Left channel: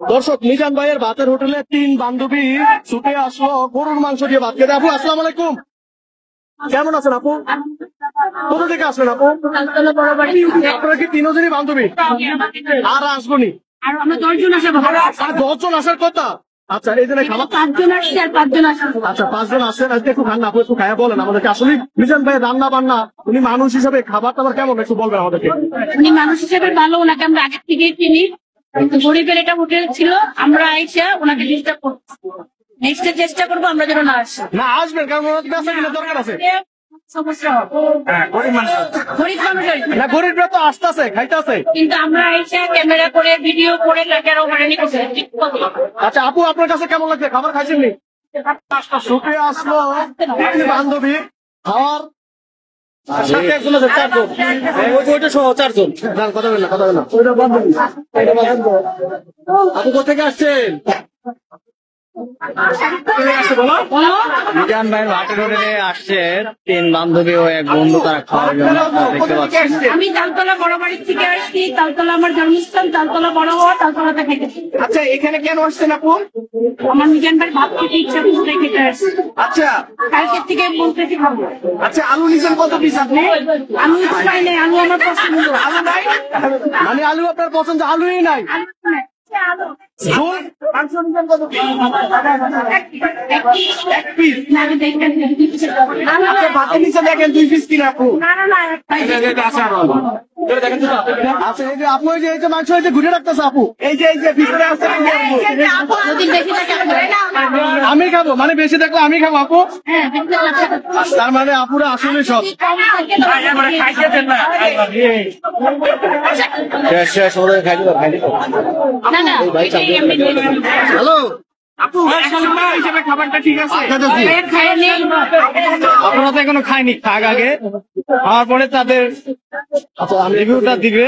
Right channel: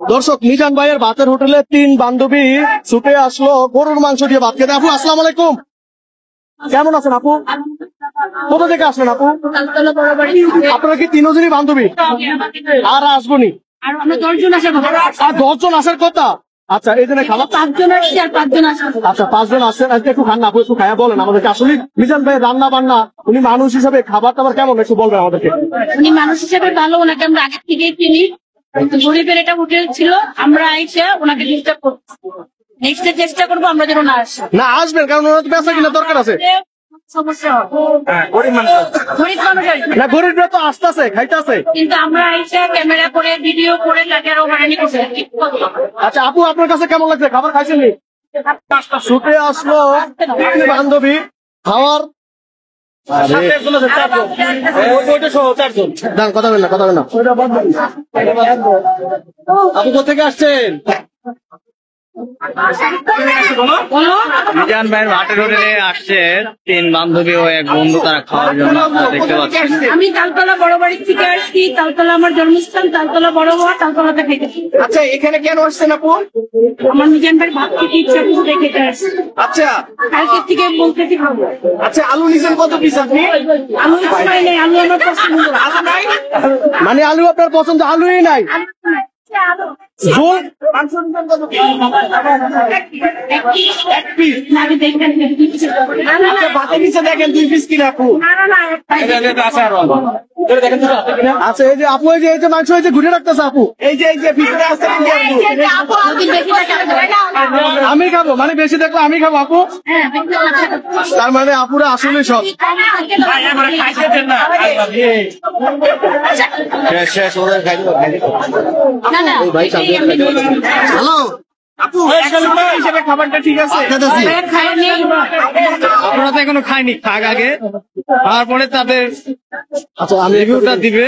দর্শক, মিজান ভাইয়ের ভাতের হোটেলে 3 বান্ধবী ছুটে আসলো গরুর মাংস দিয়ে ভাত খেতে। আপু আসসালামু আলাইকুম, কেমন আছেন আপু? কোথা থেকে আসলেন আপু? আপনারা কি 3 জনই বান্ধবী? আর আসবো নি? আর আমরা 10 জন আসার কথা। আর 10 জন আসার কথা। আচ্ছা, এই জন্য খাবার 5 জন আসছে আর 5 জন আসছে। আচ্ছা, 5 জন আসছেন, আজকে একটু খান না আপু, একটু খায়া বলেন আমাদেরকে। আসলে মিজান ভাই রান্না বান্না, উনি মানুষ হিসেবে খাবার টাবার কেমন একটু বলবেন আমাদেরকে। উনি মানুষ হিসেবে ভালো, ওনাকে আমরা আগে থেকে চিনি। গরিবের এটা হোটেল ছিল, আমরা এসে ওনাকে ডিস্টার্ব করছি। নেক্সট চেষ্টা করবো আমরা যেন না আসি। না আসবেন, কারণ ওনার বেচা কিনা দরকার আছে। সমস্যা গরিব মানুষের না, গরিবরা তো আসতেছে খাইতেছে, কিন্তু আমরা এসে ক্যামেরা করে ভিডিও করে তাকে হয়রানি করছি। আচ্ছা আপু, আপনার কাছে কেমন লাগছে? খাবার খাইছেন? ছুটে আসলো 3 বান্ধবী খাওয়ার কথা বলেন না। আপনি কোথেকে আসছেন? মিজান ভাইয়ের ভাটের হোটেলে আসছে 3 বান্ধবী ও এক বন্ধু, তারা খাওয়ার জন্য। আপনারা দেখতে পাচ্ছেন আমি তালতলা বড় বাড়ির থেকে আসছি। তালতলা আমার জন্মস্থান, তালতলা বড় হওয়া, তালতলাতে খেতেছি। আচ্ছা, এখানে কেন আসছেন আপু? আমার মিজান ভাই ভাত খেতে ইচ্ছা করছে, খেতে আসছে। আচ্ছা কালকে থেকে বলতেছি খাবো। আচ্ছা, আলু নিছেন কত পিস আপনি? আলু পাই নাই, আলু আমার পছন্দ। মানে আলু আপনার পছন্দ, আলুই নাই? আলু নাই। আলু ঝোল মাংস নিছেন কত পিস? এক পিস। না, আমি দেখবেন আপনি ভাতে নিচে দেখেন 2 পিস কিনা আপু। আচ্ছা, এই যে আপু, এই যে মাংস এই যে ঘুরে রাখতেছে আপু, এই যে ভিতরে আছে। আমি খাবো মানে বেশি দেখলে আমি খাবো আপু? তার মানে আপুরা আসলে সব হ্যালো আপু, হিসেবে খাবারটা ঠিক আছে? আপনারা তো এখনো খায়নি, খাক আগে, খাওয়ার পরে তাদের রিভিউটা দিবে।